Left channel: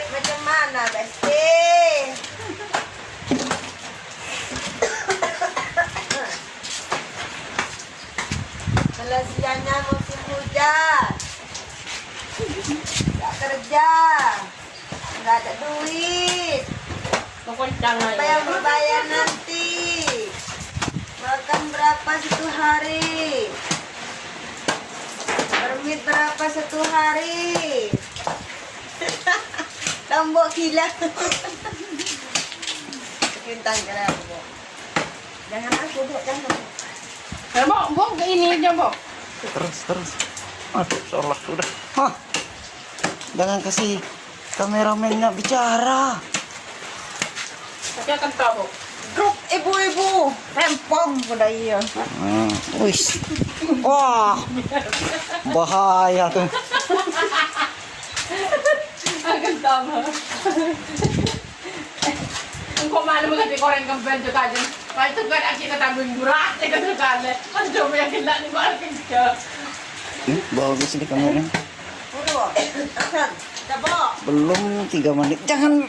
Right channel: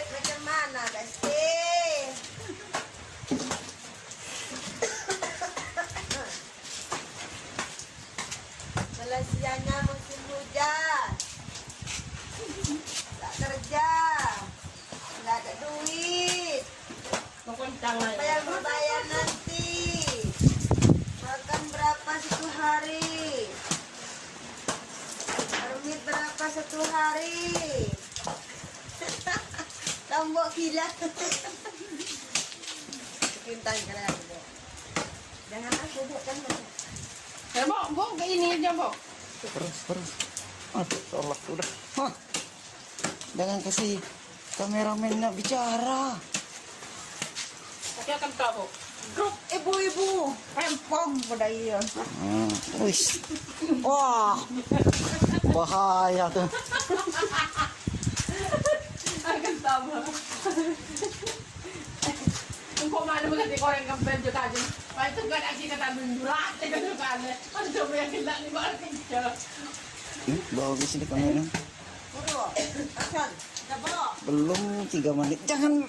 duit macam mana, Besti? Selesainya musim hujan. Gak kerja. Gak ada duit. Apa yang dibayar nanti? Makan berapa satu hari? Permit berapa satu hari? Lombok gila. Bintang jalan. Jangan aku, Bok, jangan. Bok, ke ini aja, Bok. Terus. Salah sudah. Hah. Jangan kasih kameramennya bicara. Saya akan tahu, Bok. Grup ibu-ibu rempong pada iya. Wis. Wah. Bahaya tuh. Akan tahu. Engkau mana mengerti koreng kempen juga aja. Itu kan kita tabung durat, kita juga ada. Kan coba yang kita nih makin jauh. Bagus ini kamera. Udah, Aksan, coba. Belum 3 menit. Jangan.